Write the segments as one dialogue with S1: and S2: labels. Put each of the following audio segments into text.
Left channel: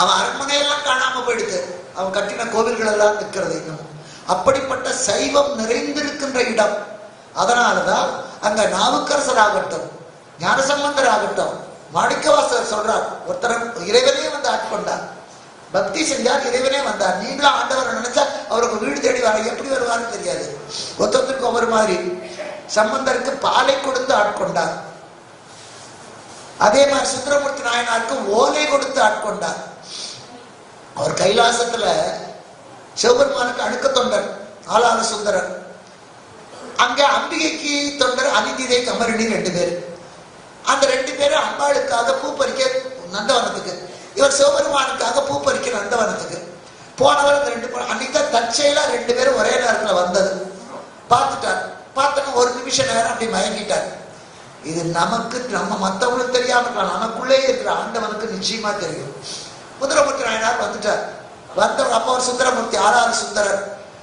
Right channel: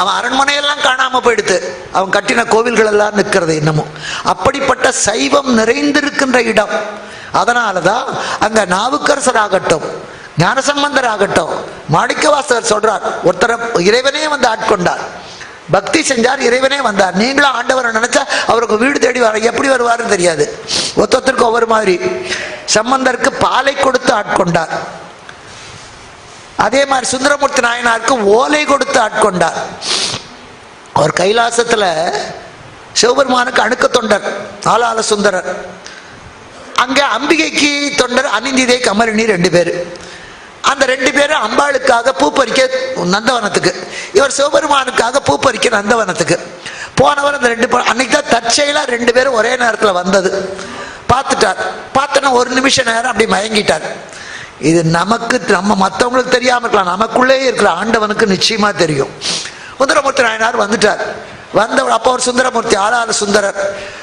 S1: அவன் அரண்மனையெல்லாம் காணாம போயிடுது. அவன் கட்டின கோவில்கள் எல்லாம் நிற்கிறது இன்னமும். அப்படிப்பட்ட சைவம் நிறைந்திருக்கின்ற இடம். அதனாலதான் அங்க நாவுக்கரசர் ஆகட்டும் ஞானசம்பந்தர் ஆகட்டும் மாணிக்கவாசகர் சொல்றார் ஒருத்தர் இறைவனே வந்து ஆட்கொண்டார். பக்தி செஞ்சார் இறைவனே வந்தார். நீங்களும் ஆண்டவரை நினைச்சா அவருக்கு வீடு தேடி வர எப்படி வருவாருன்னு தெரியாது. ஒத்தொத்தருக்கு ஒவ்வொரு மாதிரி. சம்பந்தருக்கு பாலை கொடுத்து ஆட்கொண்டார். அதே மாதிரி சுந்தரமூர்த்தி நாயனாருக்கு ஓலை கொடுத்து ஆட்கொண்டார். அவர் கைலாசத்துல சிவபெருமானுக்கு அணுக்க தொண்டர் ஆளாள சுந்தரர். அங்கே அம்பிகைக்கு தொண்டர் அனிந்திதே கமரிணி ரெண்டு பேர். அந்த ரெண்டு பேரும் அம்பாளுக்காக பூ பறிக்க நந்தவனத்துக்கு. இவர் சிவபெருமானுக்காக பூ பறிக்க நந்தவனத்துக்கு. போனவர் அந்த ரெண்டு அன்னைக்கு தான் தற்செயலாக ரெண்டு பேரும் ஒரே நேரத்தில் வந்தது. பார்த்துட்டார். பார்த்தோன்னா ஒரு நிமிஷம் நேரம் அப்படி மயங்கிட்டார். இது நமக்கு நம்ம மற்றவங்களுக்கு தெரியாம இருக்கலாம். நமக்குள்ளேயே இருக்கிற ஆண்டவனுக்கு நிச்சயமா தெரியும். சுந்தரமூர்த்தி நாயனார் வந்துட்டார். வந்தவர் அப்போ ஒரு சுந்தரமூர்த்தி ஆறாவது சுந்தரர்.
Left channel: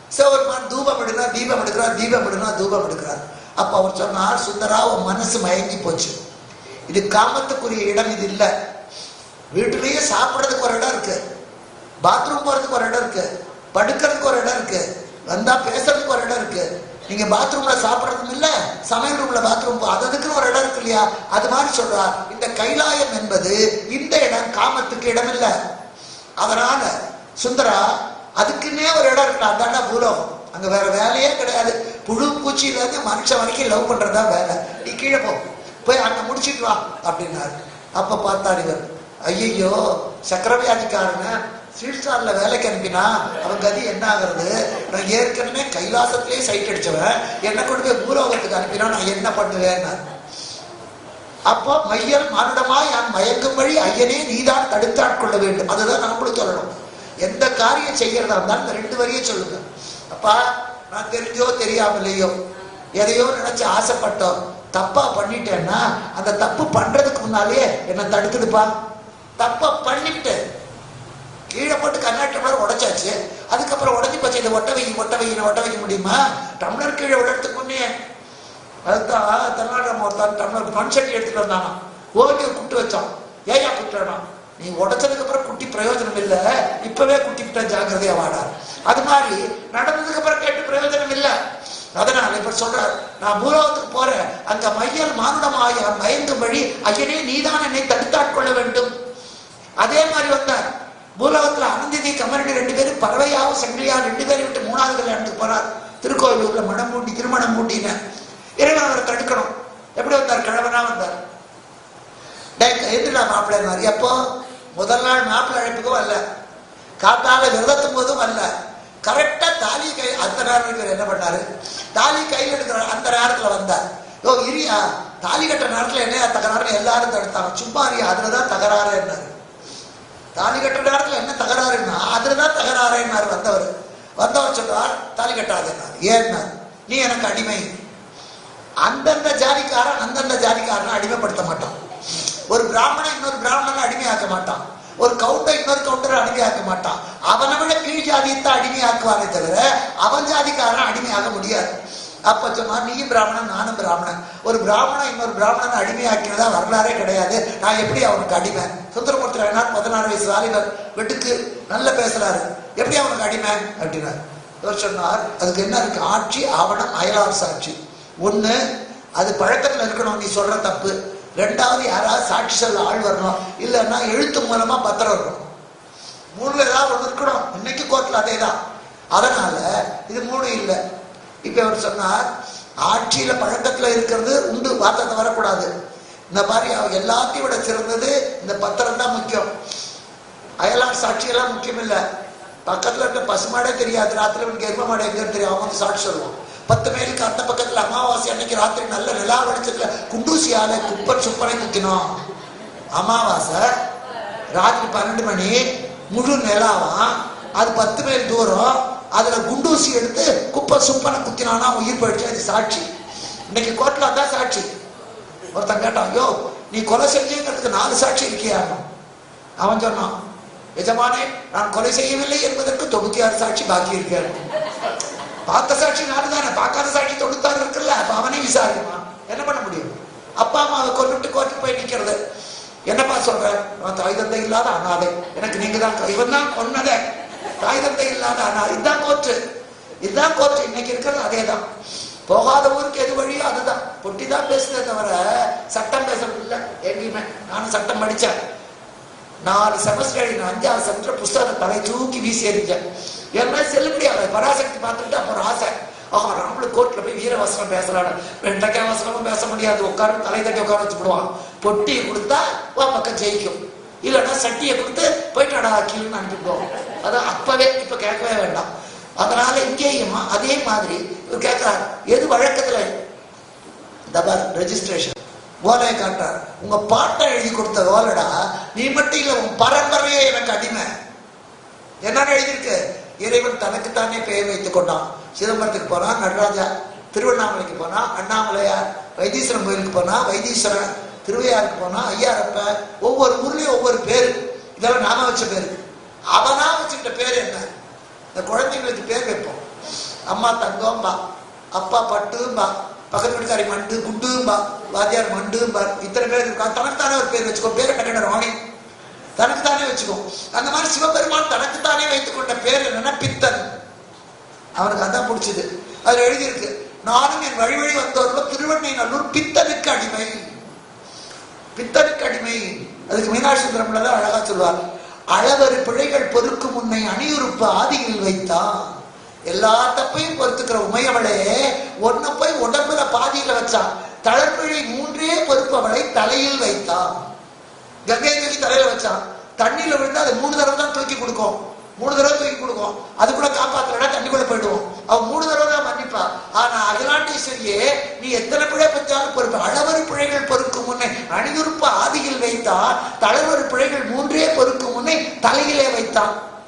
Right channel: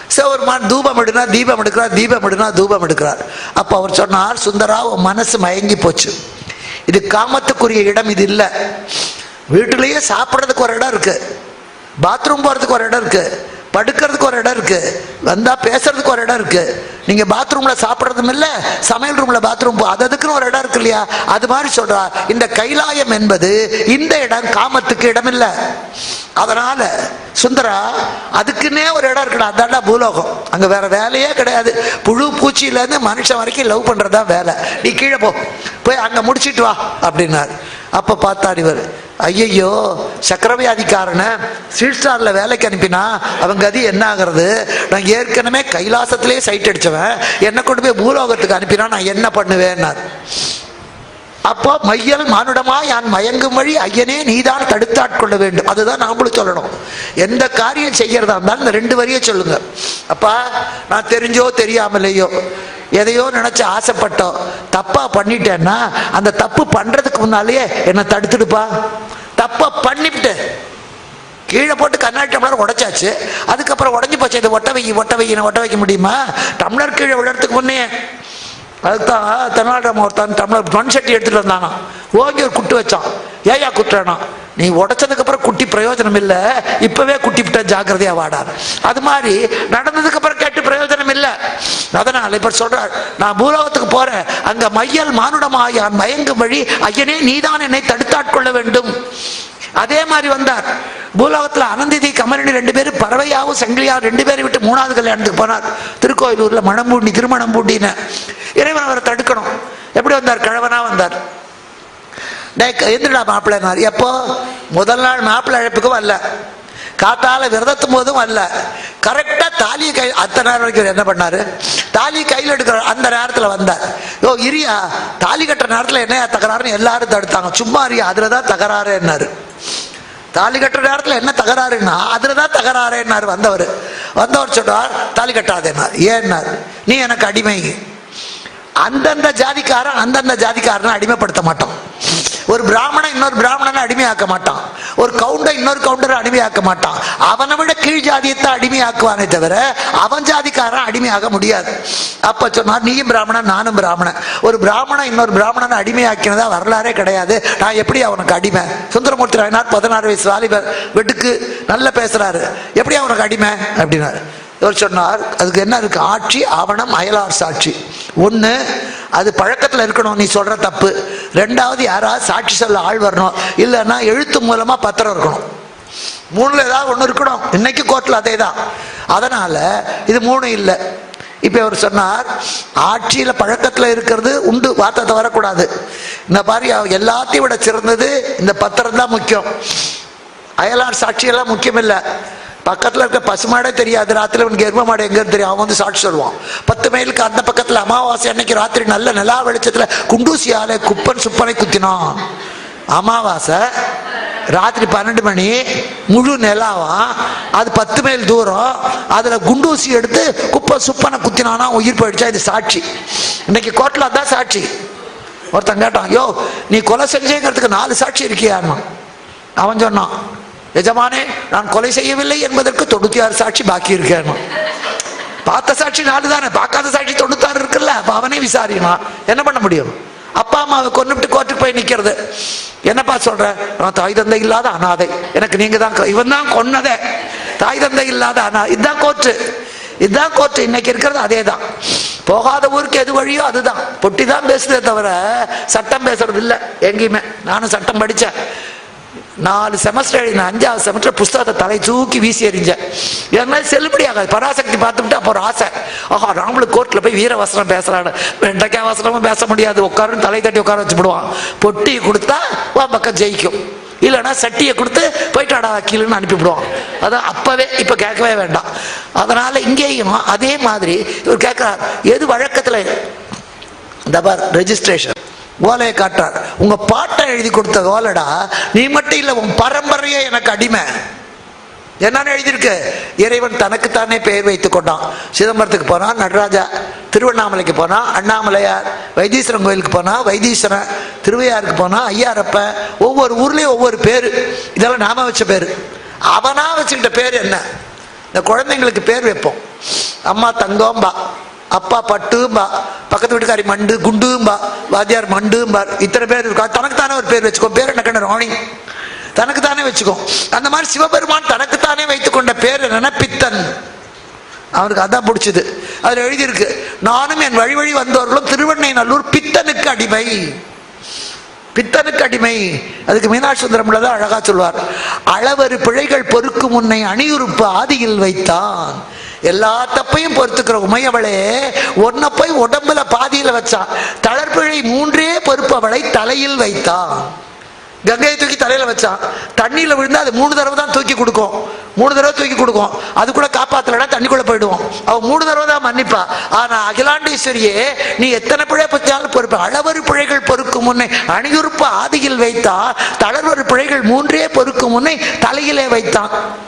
S1: சிவபெருமான் தூபம் எடுனா தீபம் எடுக்கிறார் தீபம் எடுனா தூபம் எடுக்கிறார். அப்போ அவர் சொன்னார் சுந்தரா மனசு மயங்கி போச்சு. இது காமத்துக்குரிய இடம் இது இல்லை. வீட்டிலேயே சாப்பிட்றதுக்கு ஒரு இடம் இருக்கு. பாத்ரூம் போறதுக்கு ஒரு இடம் இருக்கு. படுக்கிறதுக்கு ஒரு இடம் இருக்குது வந்தா பேசுறதுக்கு ஒரு இடம் இருக்கு. நீங்க பாத்ரூம்ல சாப்பிட்றதும் இல்ல சமையல் ரூம்ல பாத்ரூம் அது அதுக்குன்னு ஒரு இடம் இருக்கு இல்லையா? அது மாதிரி சொல்றா. இந்த கைலாயம் என்பது இந்த இடம் காமத்துக்கு இடம் இல்லை. அதனால சுந்தரா அதுக்குன்னே ஒரு இடம் இருக்கணும் அதாண்டா பூலோகம். அங்க வேற வேலையே கிடையாது. புழு பூச்சியில இருந்து மனுஷன் வரைக்கும் லவ் பண்றதா வேலை. நீ கீழே போ. போய் அங்க முடிச்சிட்டு வா அப்படின்னார். அப்ப பார்த்தா இவர். ஐயையோ சக்கரவியாதிக்காரனை ஸ்ட்ரீட் வேலைக்கு அனுப்பினா அவன் கதி என்ன ஆகிறது? நான் ஏற்கனவே கைலாசத்திலே சைட் அடிச்சவன். என்ன கொண்டு போய் பூலோகத்துக்கு அனுப்பினா நான் என்ன பண்ணுவேன் அப்போ மையல் மானுடமா யான் மயங்கும் வழி ஐயனே நீதான் தடுத்தாட்கொள்ள வேண்டும். அதுதான் நாமளும் சொல்லணும். எந்த காரியம் செய்யறதா இருந்தாலும் இந்த ரெண்டு வரியை சொல்லுங்க. அப்பா நான் தெரிஞ்சோ தெரியாமலையோ எதையோ நினைச்சு ஆசைப்பட்டோம் தப்பா பண்ணிட்டேன்னா அந்த தப்பு பண்றதுக்கு முன்னாலேயே என்னை தடுத்துடுப்பா? பண்ணிவிட்டு கீழே போட்டு கண்ணாடி டம்ளர் உடைச்சாச்சு. அதுக்கப்புறம் உடஞ்சி போச்சு. இது ஒட்ட வைக்க ஒட்ட வைக்கணும் ஒட்ட வைக்க முடியுமா? டம்ளர் கீழே விழறதுக்கு முன்னே அதுதான் தென்னாட்டம் ஒருத்தான் டம்ளர் மண் சட்டி எடுத்துகிட்டு வந்தாங்க ஓங்கி ஒரு குட்டு வச்சான். ஏயா குட்டுறானா? நீ உடைச்சதுக்கு அப்புறம் குட்டி பிரயோஜனம் இல்லை. இப்பவே குட்டி விட்டா ஜாக்கிரதையா வாடா. அது மாதிரி நடந்ததுக்கு அப்புறம் கேட்டு பிரயோஜனம் இல்லை. அதனால இப்ப சொல்றார் நான் பூலோகத்துக்கு போறேன். அங்க மையல் மானுடமாயான் மயங்கும் வழி ஐயனே நீதான் என்னை தடுத்தாட்கொள்ள வேண்டும். அதே மாதிரி வந்தார். பூலோகத்தில் அனந்திதி கமரணி ரெண்டு பேரும் பறவையாவும் சங்கிலியாவும் ரெண்டு பேரை விட்டு மூணாவது கல்யாணத்துக்கு போனார் திருக்கோயிலூர்ல மணம்பூண்டி திருமணம் பூண்டின்னு இறைவன் அவரை தடுக்கணும். எப்படி வந்தார்? கழவனா வந்தார். டேய் எந்திரடா மாப்பிள்ளைனார் எப்போ? முதல் நாள் மாப்பிள்ளை அழைப்புக்கும் வரல. காட்டால விரதத்தும் போதும் வரல கரெக்டா தாலி கை அத்தனை நேரம் வரைக்கும் என்ன பண்ணாரு? தாலி கையில் எடுக்கிற அந்த நேரத்துல வந்தார். யோ இரியா தாலி கட்டுற நேரத்துல என்ன தகராறுன்னு எல்லாரும் தடுத்தாங்க. சும்மா இரியா அதுலதான் தகராறு என்னாரு தாலி கட்டுற நேரத்துல என்ன தகராறுன்னா அதுலதான் தகராறுன்னார் வந்தவர். வந்தவர் சொல்றார் தாலி கட்டாதேன்னார். ஏன்னாரு? நீ எனக்கு அடிமை. அந்தந்த ஜாதிக்காரன் அந்தந்த ஜாதிக்காரனை அடிமைப்படுத்த மாட்டான். ஒரு பிராமணன் இன்னொரு பிராமணனை அடிமையாக்க மாட்டான். ஒரு கவுண்டர் இன்னொரு கவுண்டரை அடிமையாக்க மாட்டான். அவனை விட கீழ் ஜாதியத்தை அடிமையாக்குவானே தவிர அவன் ஜாதிக்காரன் அடிமையாக முடியாது. அப்ப சொன்னார் நீயும் பிராமணன் நானும் பிராமணன். ஒரு பிராமணன் இன்னொரு பிராமணனை அடிமையாக்கினதா வரலாறே கிடையாது. நான் எப்படி அவனுக்கு அடிமை? சுந்தரமூர்த்தி ராயனார் பதினாறு வயசு வாலிபர் வெட்டுக்கு நல்லா பேசுறாரு. எப்படி அவனுக்கு அடிமை? அப்படின்னாரு. இவர் சொன்னார் அதுக்கு என்ன இருக்கு? ஆட்சி ஆவணம் அயலார் சாட்சி. ஒன்று அது பழக்கத்தில் இருக்கணும். நீ சொல்ற தப்பு. ரெண்டாவது யாராவது சாட்சி சொல்ல ஆள் வரணும். இல்லைன்னா எழுத்து மூலமா பத்திரம் இருக்கணும். மூணுல ஏதாவது ஒன்று இருக்கணும். இன்னைக்கு கோர்ட்டில் அதே தான் அதனால இது மூணு இல்லை. இப்போ அவர் சொன்னார் ஆட்சியில் பழக்கத்தில் இருக்கிறது உண்டு வார்த்தை வரக்கூடாது இந்த மாதிரி எல்லாத்தையும் விட சிறந்தது இந்த பத்திரம் தான் முக்கியம். அயலார் சாட்சியெல்லாம் முக்கியம் இல்லை பக்கத்துல இருக்க பசுமாடே தெரியாது. ராத்திரி உனக்கு எரும மாடு எங்கன்னு தெரியும். அவன் வந்து சாட்சி சொல்லுவான். பத்து மைலுக்கு அந்த பக்கத்துல அமாவாசை அன்னைக்கு ராத்திரி நல்ல நிலா வெளிச்சத்துல குண்டூசியால குப்பன் சுப்பனை குத்தினான். அமாவாசை ராத்திரி பன்னெண்டு மணி முழு நிலாவா? அது பத்து மைல் தூரம். அதுல குண்டூசி எடுத்து குப்பை சுப்பனை குத்தினானா உயிர் போயிடுச்சா? இது சாட்சி. இன்னைக்கு கோர்ட்ல அதான் சாட்சி. ஒருத்தன் கேட்டான் யோ நீ கொலை செஞ்சேங்கிறதுக்கு நாலு சாட்சி இருக்கியா அவன் சொன்னான் எஜமானே நான் கொலை செய்யவில்லை என்பதற்கு தொண்ணூத்தி ஆறு சாட்சி பாக்கி இருக்கேன் பார்த்த சாட்சி நாலு தானே பார்க்காத சாட்சி தொண்ணூத்தாறு இருக்குல்ல அப்ப அவனே விசாரினா என்ன பண்ண முடியும்? அப்பா அம்மாவை கொண்டுட்டு கோர்ட்டுக்கு போய் நிக்கிறது. என்னப்பா சொல்ற? நான் தாய் தந்தை இல்லாத அனாதை. எனக்கு நீங்க தான் இவன் தான் கொன்னதே. தாய் தந்தை இல்லாத அனா இதுதான் கோர்ட்டு. இதுதான் கோர்ட்டு. இன்னைக்கு இருக்கிறது அதே தான் போகாத ஊருக்கு எது வழியோ அதுதான். பொட்டி தான் பேசுதே தவிர சட்டம் பேசுறது இல்லை எங்கேயுமே. நானும் சட்டம் படித்தேன் நாலு செமஸ்டர் எழுதின அஞ்சாவது செமஸ்டர் புஸ்தகத்தை தலை தூக்கி வீசி எறிஞ்சேன். ஏன்னா செல்லுபடி ஆகாது. பராசக்தி பார்த்துட்டு அப்போ ஆசை. ஆஹா நாமளும் கோர்ட்டில் போய் வீர வசனம் பேசுறாங்க வெண்டைக்காய் வசனமும் பேச முடியாது. உட்காருன்னு தலை தட்டி உட்கார வச்சு விடுவான் பொட்டியை கொடுத்தா வா பக்கம் ஜெயிக்கும். இல்லைன்னா சட்டியை கொடுத்து போயிட்டாடா கீழேன்னு அனுப்பிவிடுவோம் அதான் அப்பவே இப்ப கேட்கவே வேண்டாம். அதனால இங்கேயும் அதே மாதிரி இவர் கேட்கிறார் எது வழக்கத்துல? இந்த ரெஜிஸ்ட்ரேஷன் ஓலையை காட்டுறார். உங்க பாட்டை எழுதி கொடுத்த ஓலடா நீ மட்டும் இல்லை உன் பரம்பரையே எனக்கு அடிமை. என்னன்னு எழுதியிருக்கு? இறைவன் தனக்குத்தானே பெயர் வைத்துக் கொண்டான். சிதம்பரத்துக்கு போனான் நடராஜா திருவண்ணாமலைக்கு போனான் அண்ணாமலையார் வைத்தீஸ்வரன் கோயிலுக்கு போனா வைத்தீஸ்வரன் திருவையாருக்கு போனா ஐயாரப்ப ஒவ்வொரு ஊர்லயும் ஒவ்வொரு பேர். இதெல்லாம் நாம வச்ச பேர். அவனா வச்சுக்கிட்ட பேர் என்ன? இந்த குழந்தைங்களுக்கு பேர் வைப்போம். அம்மா தங்கம்பா அப்பா பட்டும்பா பக்கத்து வீட்டுக்காரி மண்டு குண்டும்பா வாத்தியார் மண்டும்பா இத்தனை பேர் இருக்கா தனக்குத்தானே ஒரு பேர் வச்சுக்கோ. பேர் என்ன கண்ண ராணி? தனக்குத்தானே வச்சுக்கோ. அந்த மாதிரி சிவபெருமான் தனக்குத்தானே வைத்துக் கொண்ட பேர் என்னன்னா பித்தன் அவருக்கு அதான் பிடிச்சது. அதுல எழுதியிருக்கு நானும் என் வழி வழி வந்தவர்களும் திருவண்ணை நல்லூர் பித்தனுக்கு அடிமை. பித்தனுக்கு அடிமை. அதுக்கு மீனாட்சி தான் அழகா சொல்வார். அளவரு பிழைகள் பொறுக்கும் உன்னை அணியுறுப்பு ஆதியில் வைத்தான். எல்லா தப்பையும் பொறுத்துக்கிற உமையவளே ஒன்ன போய் உடம்புல பாதியில வச்சான் தளர்பிழை மூன்றே பொறுப்பவளை தலையில் வைத்தான். கங்கையை தூக்கி தலையில வச்சான் தண்ணியில விழுந்தா அது மூணு தடவை தான் தூக்கி கொடுக்கும். மூணு தடவை தூக்கி கொடுக்கும். அது கூட காப்பாத்தலன்னா தண்ணிக்குள்ள போயிடுவோம். அவ மூணு தடவை தான் மன்னிப்பா. ஆனா அகிலாண்டேஸ்வரியே நீ எத்தனை பிழை பத்தியாலும் பொறுப்பு. அளவரு பிழைகள் பொறுக்கும் முன்னே அணியுறுப்பு ஆதியில் வைத்தா தளர்வரு பிழைகள் மூன்றே பொறுக்கும் முன்னே தலையிலே வைத்தான்.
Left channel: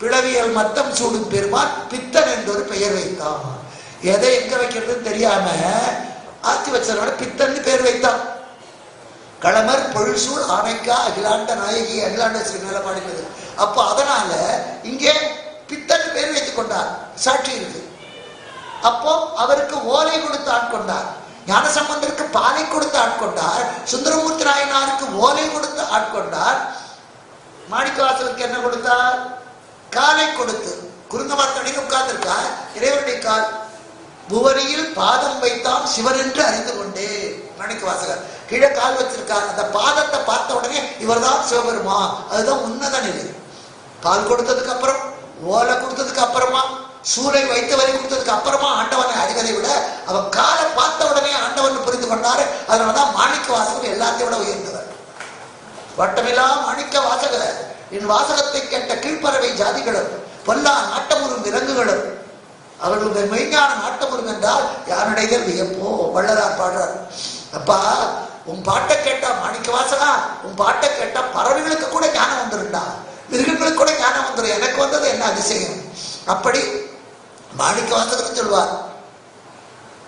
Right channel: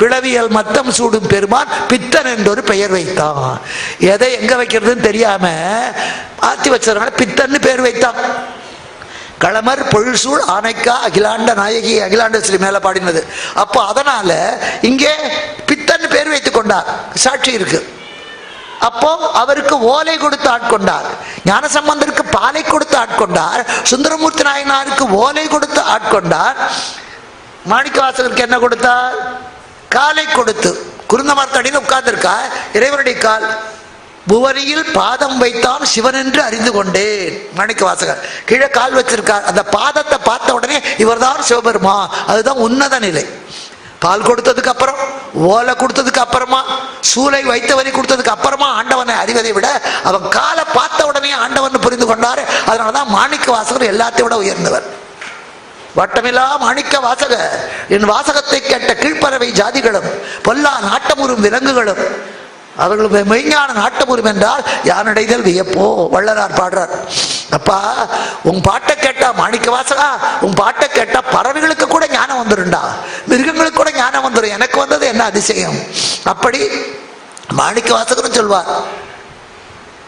S1: பிளவியல் மத்தம் சூடும் பெருமான் பித்தன் என்று ஒரு பெயர் வைத்தான். எதை எங்க வைக்கிறதுன்னு தெரியாம மாத்தி வச்சதுனால பித்தன்னு பேர் வைத்தான். களமர் பொழுசூழ் ஆனைக்கா அகிலாண்ட நாயகி அகிலாண்டஸ்ரீ மேல பாடினது. அப்போ அதனால இங்கே பித்தன் பேர் வைத்துக் கொண்டார். சாட்சி இருக்கு. அப்போ அவருக்கு ஓலை கொடுத்து ஆட்கொண்டார். ஞானசம்பந்தருக்கு பாலை கொடுத்து ஆட்கொண்டார். சுந்தரமூர்த்தி நாயனாருக்கு ஓலை கொடுத்து ஆட்கொண்டார். மாணிக்கவாசகருக்கு என்ன கொடுத்தார்? காலை கொடுத்து. குருந்தமரத்தடியில் உட்கார்ந்திருக்கா? இறைவனுடைய கால். புவனியில் பாதம் வைத்தான் சிவன் என்று அறிந்து கொண்டேன். மணிக்கு வாசகர். கீழே கால் வச்சிருக்கார். அந்த பாதத்தை பார்த்த உடனே இவர்தான் சிவபெருமா. அதுதான் உன்னத நிலை. பால் கொடுத்ததுக்கு அப்புறம் ஓலை கொடுத்ததுக்கு அப்புறமா சூளை வைத்தவரை கொடுத்ததுக்கு அப்புறமா ஆண்டவனை அறிவதை விட அவன் காலை பார்த்த உடனே ஆண்டவன் புரிந்து கொண்டாரு. அதனாலதான் மாணிக்க வாசகர் எல்லாத்தையும் விட உயர்ந்தவர். வட்டமெல்லாம் மாணிக்க வாசக. என் வாசகத்தை கேட்ட கீழ்ப்பறவை ஜாதிகளும் பொல்லா நாட்டமுறும் விலங்குகளும் அவர்கள் மெய்ஞான நாட்டமுறும் என்றால் யானடைதல் வியப்போ வள்ளலார் பாடுறார். அப்பா உன் பாட்டை கேட்டா மாணிக்க வாசகா? உன் பாட்டை கேட்டா பறவைகளுக்கு கூட ஞானம் வந்துருண்டா? மிருகங்களுக்கு கூட ஞானம் வந்துடும் எனக்கு வந்தது என்ன அதிசயம்? அப்படி மாணிக்க வாசகரும் சொல்வார்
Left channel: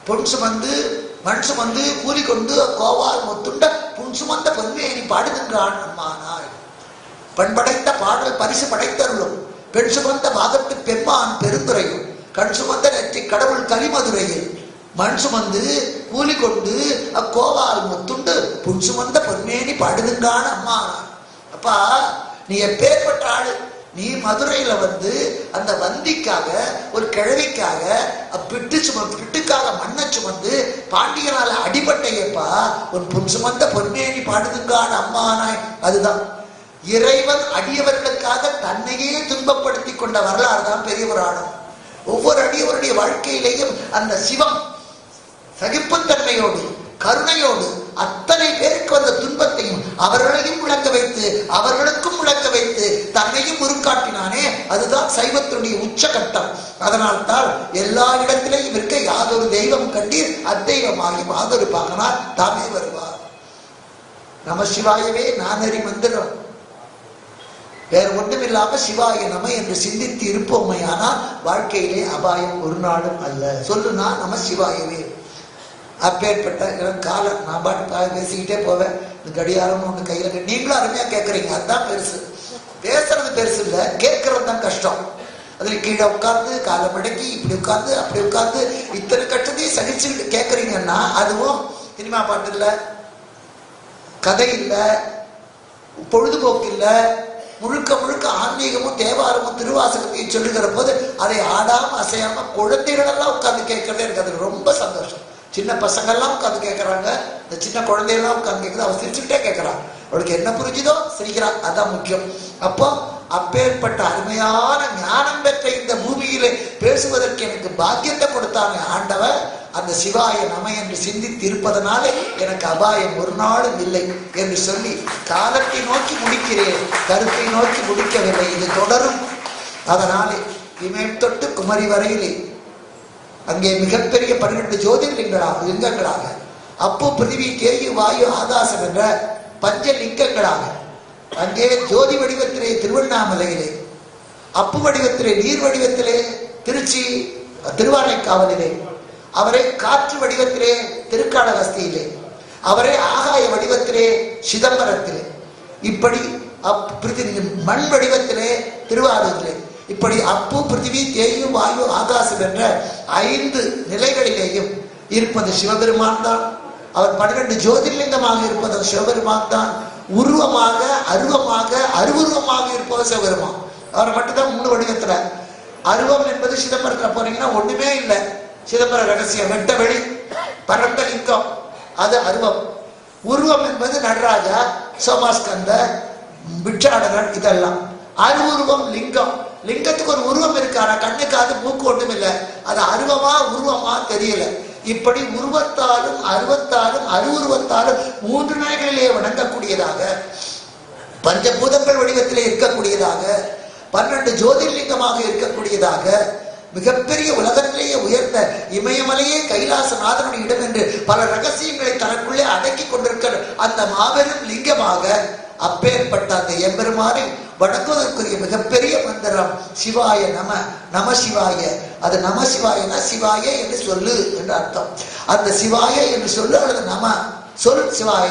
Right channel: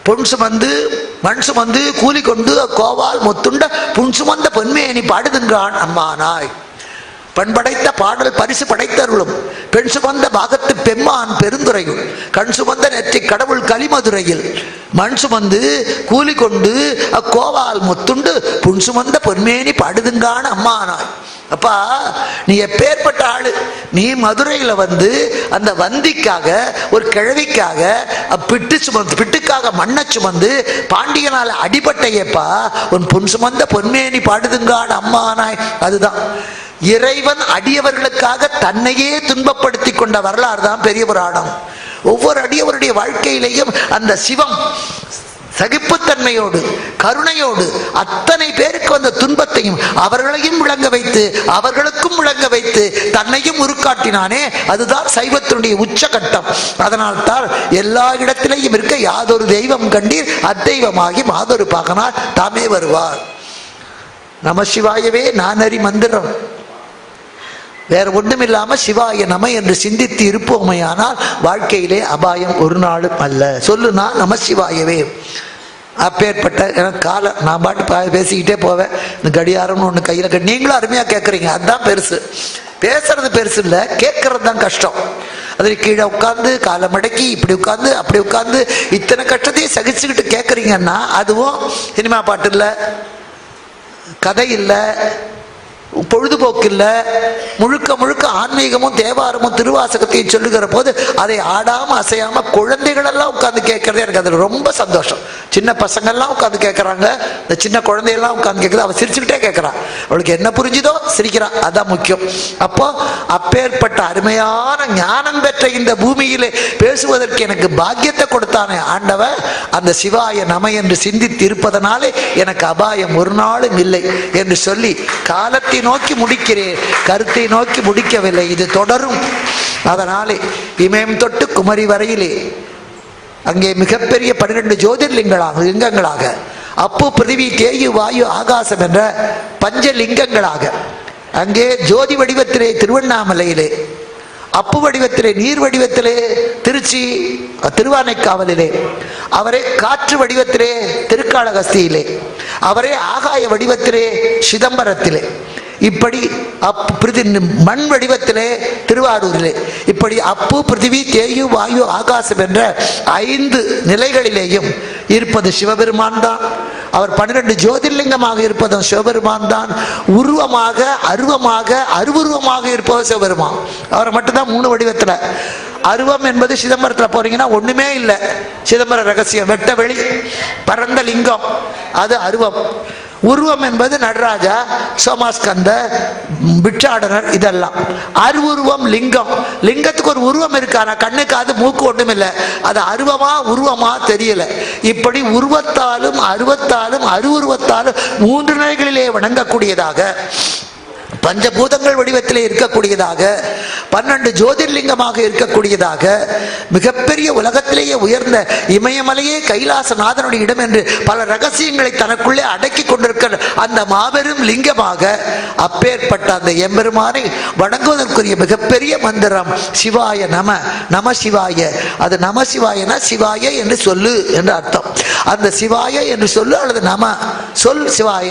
S1: பொன் சுமந்து மண் சுமந்து கூலி கொண்டு கோவால் முத்துண்ட புன் சுமந்த பொன்மேனி பாடுகின்றான் அம்மானாய். பண்படைத்த பாடல் பரிசு படைத்தருளும். பெண் சுமந்த பாகத்து பெம்மான் பெருந்துரையும் கண் சுமந்த நெற்றி கடவுள் கலிமதுரையில் மண் சுமந்து கூலி கொண்டு அக்கோவால் முத்துண்டு புன் சுமந்த பொன்மேனி பாடுதுங்கான அம்மானாய். அப்பா நீ எப்பேற்பட்ட ஆளு? நீ மதுரையில வந்து அந்த வந்திக்காக ஒரு கிழவிக்காக பிட்டு சுமந்து பிட்டுக்காக மண்ணை சுமந்து பாண்டியனால அடிபட்டையப்பா உன் பொன் சுமந்த பொன்மேனி பாடுதுங்காடு அம்மானாய் அதுதான். இறைவன் அடியவர்களுக்காக தன்னையே துன்பப்படுத்தி கொண்ட வரலாறு தான் பெரிய புராணம். ஒவ்வொரு அடியவருடைய வாழ்க்கையிலையும் அந்த சிவம் சகிப்புத்தன்மையோடு கருணையோடு அத்தனை பேருக்கு வந்த துன்பத்தையும் அவர்களையும் விளங்க வைத்து அவர்களுக்கும் விளங்க வைத்து தன்னையும் உருக்காட்டினானே. அதுதான் சைவத்தினுடைய உச்சகட்டம். அதனால்தான் எல்லா இடத்திலையும் இருக்க யாதொரு தெய்வம் கண்டீர் அத்தெய்வமாகி மாதொரு பாகனார் தாமே வருவார். நமசிவாயவே நானறி மந்திரம். வேற ஒண்ணுமில்லாம சிவாய நம என்று சிந்தித்து இருப்போமையானால் வாழ்க்கையிலே அபாயம் ஒரு நாளும் அல்ல. சொல்லுனா நம சிவாயவே. அப்பேற்பட்ட ஏன்னா காலம் நான் பாட்டு பா- பேசிக்கிட்டே போவேன். இந்த கடியாரம்னு ஒன்று கையில் கட்டி நீங்களும் அருமையாக கேட்குறீங்க அதுதான் பெருசு. பேசுறது பெருசு இல்லை கேட்கறது தான் கஷ்டம். அதில் கீழே உட்காந்து காலை மடக்கி இப்படி உட்காந்து அப்படி உட்காந்து இத்தனை கஷ்டத்தையும் சகிச்சுக்கிட்டு கேட்குறீங்கன்னா அதுவும் சினிமா பாட்டு இல்லை கதை இல்லை பொழுதுபோக்கு முழுக்க முழுக்க ஆன்மீகமும் தேவாரமும் திருவாசகத்தையும் சொல்லுகிற போது அதை ஆடாம அசையாம குழந்தைகளெல்லாம் உட்காந்து கேட்கறதே. கேட்கறது எனக்கு அது ரொம்ப சந்தோஷம். சின்ன பசங்க எல்லாம் கேட்கறாங்க. இந்த சின்ன குழந்தையெல்லாம் உட்காந்து கேட்குது. அவன் சிரிச்சுக்கிட்டே கேட்கறான் அவளுக்கு என்ன புரிஞ்சுதோ சிரிக்கிறான் அதான் முக்கியம். அப்போ அப்பேற்பட்ட அருமையான ஞானம் பெற்ற இந்த பூமியிலே பேசுவதற்கு எனக்கு பாக்கியத்தை கொடுத்தானே ஆண்டவன் அந்த சிவாய நம என்று சிந்தித்து இருப்பதனாலே எனக்கு அபாயம் ஒரு நாளும் இல்லை என்று சொல்லி காலத்தில் கருத்தை நோக்கி முடிக்கிறேன். கருத்தை நோக்கி முடிக்கவில்லை. இது தொடரும். அதனாலே இமயம் தொட்டு குமரி வரையிலே. அங்கே மிகப்பெரிய பன்னிரண்டு ஜோதிர்லிங்களாக லிங்கங்களாக. அப்பு பிருதிவி தேயு வாயு ஆகாசம் என்ற பஞ்ச லிங்கங்களாக அங்கே ஜோதி வடிவத்திலே திருவண்ணாமலையிலே. அப்பு வடிவத்திலே நீர் வடிவத்திலே திருச்சி திருவானைக்காவலிலே. அவரே காற்று வடிவத்திலே திருக்காளகஸ்தியிலே அவரே ஆகாய வடிவத்திலே சிதம்பரத்திலே. இப்படி அப் பிரிதி மண் வடிவத்திலே திருவாரூரிலே இப்படி அப்பு பிருத்திவி தேயு வாயு ஆகாசம் என்ற ஐந்து நிலைகளிலேயும் இருப்பது சிவபெருமான் தான். அவர் பன்னிரண்டு ஜோதிர்லிங்கமாக இருப்பதும் சிவபெருமான் தான். உருவமாக அருவமாக அருவுருவமாக இருப்பவர் சிவபெருமான். அவர் மட்டும்தான் மூணு வடிவத்துல. அருவம் என்பது சிதம்பரத்துல போறீங்கன்னா ஒண்ணுமே இல்லை. சிதம்பர ரகசியம் வெட்ட வெளி பரந்த லிங்கம் அது அருவம். உருவம் என்பது நடராஜா சோமாஸ்கந்த பிட்சாடனர் இதெல்லாம். அருவுருவம் லிங்கம். லிங்கத்துக்கு ஒரு உருவம் இருக்காரா? கண்ணு காது மூக்கு ஒன்றும் இல்லை. அது அருவமா உருவமா தெரியல. இப்படி உருவத்தாலும் அருவத்தாலும் அருவுருவத்தாலும் மூன்று நிலைகளிலே வணங்கக்கூடியதாக பஞ்சபூதங்கள் வடிவத்திலே இருக்கக்கூடியதாக பன்னெண்டு ஜோதிர்லிங்கமாக இருக்கக்கூடியதாக மிகப்பெரிய உலகத்திலேயே உயர்ந்த இமயமலையே கைலாசநாதனுடைய இடம் என்று பல ரகசியங்களை தனக்குள்ளே அடக்கி கொண்டிருக்கிற அந்த மாபெரும் லிங்கமாக அப்பேற்பட்ட அந்த எம்பெருமானை வணங்குவதற்குரிய மிகப்பெரிய மந்திரம் சிவாய நம நம சிவாய. அது நம சிவாயனா சிவாய என்று சொல்லு என்று அர்த்தம். அந்த சிவாய என்று சொல்லு அல்லது நம சொல் சிவாய.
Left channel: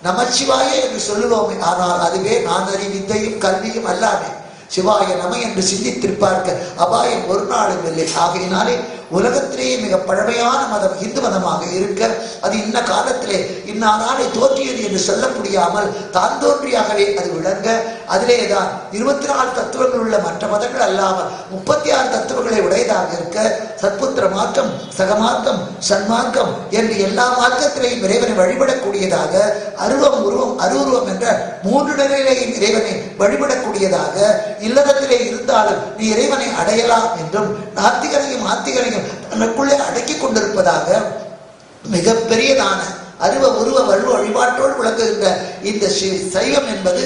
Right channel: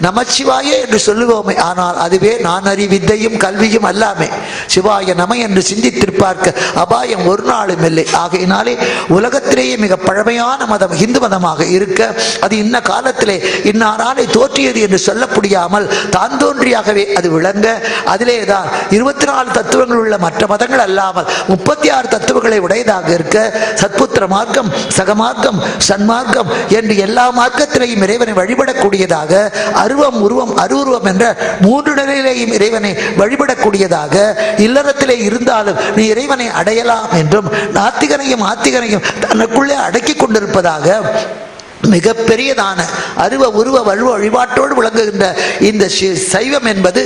S1: நம சிவாய என்று சொல்லுவோமே ஆனால் அதுவே நான் அறிவித்தையும் கல்வியும் அல்லாமே. சிவாய நம என்று சிந்தித்திருப்பார்க்க அபாயம் ஒரு நாளும் இல்லை. ஆகையினாலே உலகத்திலேயே மிக பழமையான மதம் இந்து மதமாக இருக்க அது இன்ன காலத்திலே இன்னாராலே தோற்றியது என்று சொல்ல முடியாமல் தான் தோன்றியாகவே அது விளங்க அதிலே தான் இருபத்தி நாலு தத்துவங்கள் உள்ள மற்ற மதங்கள் அல்லாமல் முப்பத்தி ஆறு தத்துவங்களை உடையதாக இருக்க சத்புத்திர மார்க்கம் சகமார்க்கம் சன்மார்க்கம் என்று எல்லா மார்க்கத்திலேயும் இறைவனை வழிபடக்கூடியதாக அருவம் உருவம் அருவுருவம் என்ற மூன்று நிலையிலேயும் இறைவனை வழிபடக்கூடியதாக இல்லறத்திலே இருந்தாலும் நீ இறைவனை அடையலாம் என்றும் நாத்திகரையும் ஆத்திகரையும் தனக்குள்ளே அடக்கி கொண்டிருப்பதாக மிகப்பெரியதான அருவ உருவ வலுவ வழிபாட்டோடு விளங்குகின்ற இந்த சைவம் என்பது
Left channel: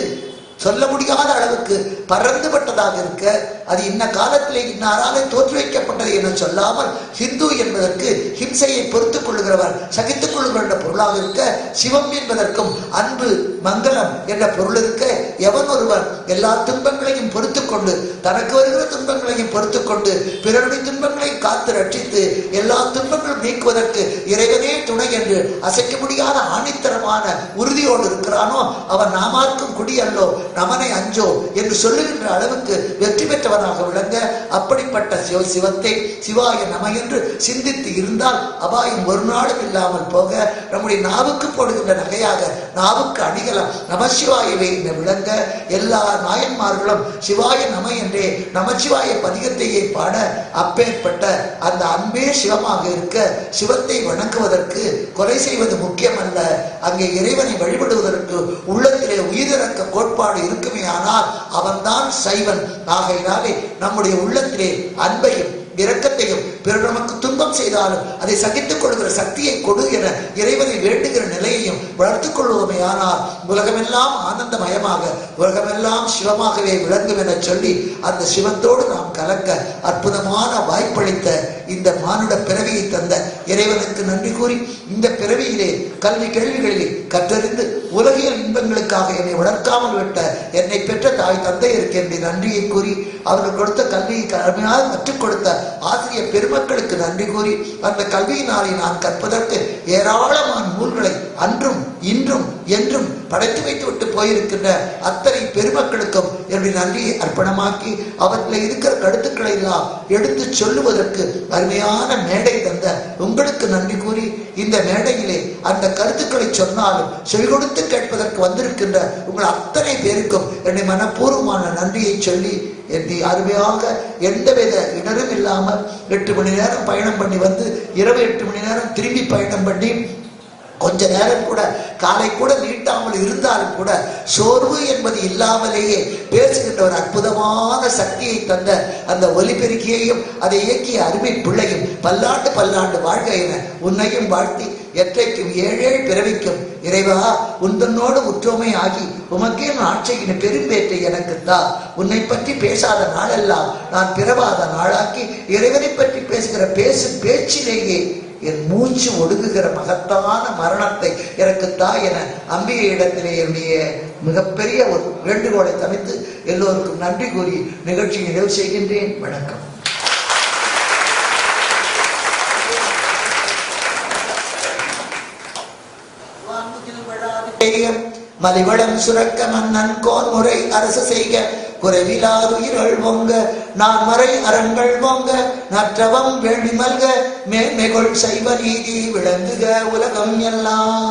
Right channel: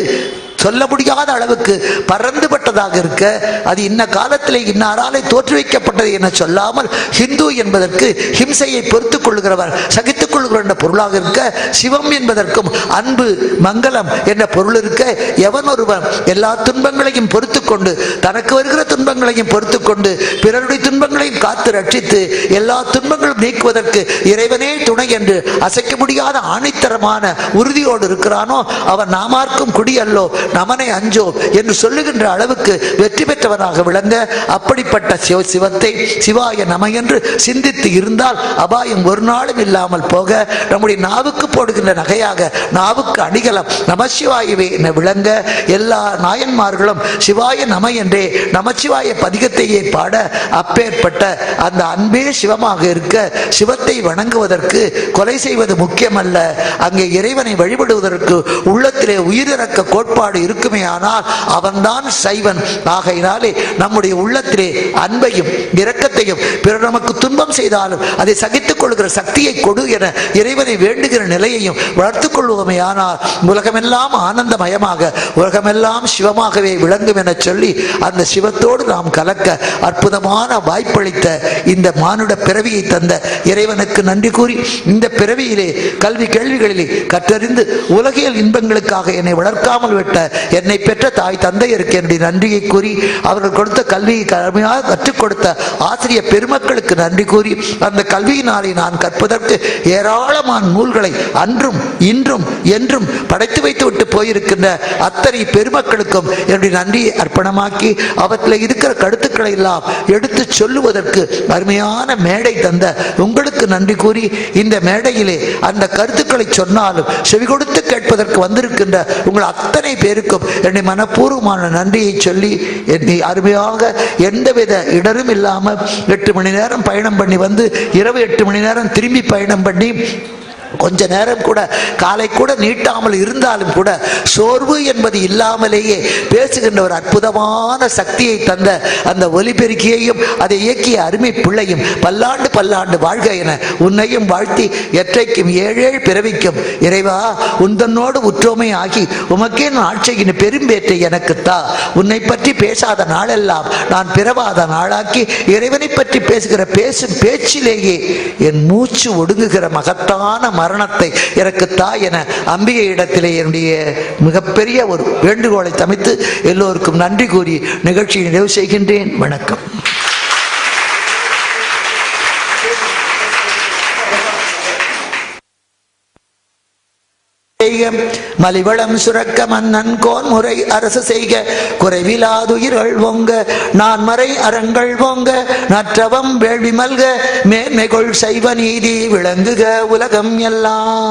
S1: சொல்ல முடியாத அளவுக்கு பறந்துபட்டதாக இருக்க அது இன்ன காலத்திலே இன்னாராலே தோற்றுவிக்கப்பட்டது என சொல்லாமல் ஹிந்து என்பதற்கு ஹிம்சையை பொறுத்துக் கொள்கிறவர் சகித்துக் பொருளாக இருக்க சிவம் என்பதற்கும் அன்பு மங்களம் என்ற பொருள் இருக்க எவன் ஒருவன் எல்லா துன்பங்களையும் பொறுத்து கொண்டு தனக்கு வருகிற துன்பங்களையும் பொறுத்து கொண்டு பிறருடைய துன்பங்களையும் காத்து ரட்சித்து எல்லா துன்பங்களும் நீக்குவதற்கு இறைவனே துணை என்று அசைக்க முடியாத ஆணித்தரமான உறுதியோடு இருக்கிறானோ அவன் நாமார்க்கும் குடியல்லோ நமனை அஞ்சோ என்று சொல்லுகின்ற அளவுக்கு வெற்றி பெற்றவராக விளங்க அப்படிப்பட்ட சிவ சிவத்தை சிவாய நம என்று சிந்தித்து இருந்தால் அபாயம் ஒரு நாளும் இல்லாமல் போக நம் நம்முடைய நாவுக்கு போடுகின்ற நகையாக நாவுக்கு அணிகலம் நமசிவாயவே என விளங்க எல்லா நாயன்மார்களும் சிவாய நம என்றே நமச்சிவாய பதிகத்தையே பாட அப்பேற்பட்ட அந்த அன்பே சிவமாக இருக்க சிவத்தை வணங்குவதற்கு கொலை செய்வது முக்கியமல்ல. அங்கே இறைவனை வழிபடுவதற்கு உள்ளத்திலே உயிரிறக்க கோட்பாடு இருக்குமே ஆனால் அவன்தான் சைவன். ஆகையினாலே நம்முடைய உள்ளத்திலே அன்பையும் இரக்கத்தையும் பிறர் நமக்கு துன்பம் செய்தாலும் அதை சகித்துக் கொள்கிற சக்தியை கொடு என இறைவனை வேண்டுகிற நிலையையும் வளர்த்துக் கொள்வோமே ஆனால் உலகமெல்லாம் ஆனந்தமயமாக உலகமெல்லாம் சிவமாகவே விளங்கும் என சொல்லி அந்த சிவத்தோடு நாம் கலக்க அற்புதமான வாய்ப்பளித்த இந்த மானுட பிறவியை தந்த இறைவனுக்கு நன்றி கூறி இந்த பிறவியிலே கல்வி கேள்விகளிலே கற்றறிந்து உலகியல் இன்பங்களுக்காக என்னை வளர்க்காமல் விட்ட என்னை பெற்ற தாய் தந்தையருக்கு என்னுடைய நன்றியை கூறி அவர்கள் கொடுத்த கல்வியை கடுமையாக கற்றுக் கொடுத்த ஆசிரியர் பெருமக்களுக்கு நன்றி கூறி அந்த கல்வியினாரை நான் கற்பதற்கு ஏராளமான நூல்களை அன்றும் இன்றும் என்றும் படைத்து வைத்து விட்டு போயிருக்கின்ற அத்தனை பெருமக்களுக்கும் என்னுடைய நன்றியை அர்ப்பணமாக்கி அவற்றில் இருக்கிற கருத்துக்களை எல்லாம் எடுத்து சொல்லுவதற்கு அருமையான மேடை தந்த உங்களுக்கு நன்றி கூறி இந்த மேடையிலே அந்த கருத்துக்களை சொன்னாலும் செவி கொடுத்து கேட்பதற்கு வந்திருக்கின்ற உங்கள் அத்தனை பேருக்கும் என்னை மனப்பூர்வமான நன்றியை சொல்லி என்னை அருமையாக எந்தவித இடரும் இல்லாமல் எட்டு மணி நேரம் பயணம் பண்ணி வந்து இரவு எட்டு மணி நேரம் திரும்பி பயணம் பண்ணி கொஞ்ச நேரம் கூட காலை கூட நீட்டாமல் இருந்தாலும் கூட சோர்வு என்பது இல்லாமலேயே பேசுகின்ற ஒரு அற்புதமான சக்தியை தந்த அந்த ஒலிபெருக்கியையும் அதை இயக்கிய அருமை பிள்ளையும் பல்லாண்டு பல்லாண்டு வாழ்க என உன்னையும் வாழ்த்தி எற்றைக்கும் ஏழேழு பிறவிக்கும் இறைவா உந்தனோடு உற்றோமை ஆகி உமக்கே நான் ஆட்சியின் பெரும்பேற்றை எனக்கு தா. உன்னை பற்றி பேசாத நாளெல்லாம் நான் பிறவாத நாளாக்கி இறைவனை பற்றி பேசுகிற பேசும் பேச்சிலேயே என் மூச்சு ஒடுங்குகிற மகத்தான மரணத்தை எனக்கு தா என அம்பிகை இடத்திலே என்னுடைய மிகப்பெரிய ஒரு வேண்டுகோளை தமித்து எல்லோருக்கும் நன்றி கூறி நிகழ்ச்சியை நிறைவு செய்கின்றேன். வணக்கம். மலிவளம் சுரக்க மன்னன் கோன் முறை அரசு செய்க. குறைவிலாதுயிர்கள் ஓங்க. நான் மறை அறங்கள் ஓங்க. நற்றவம் வேள்வி மல்க. மேன்மைகொள் சைவ நீதி விளங்குக உலகம் எல்லாம்.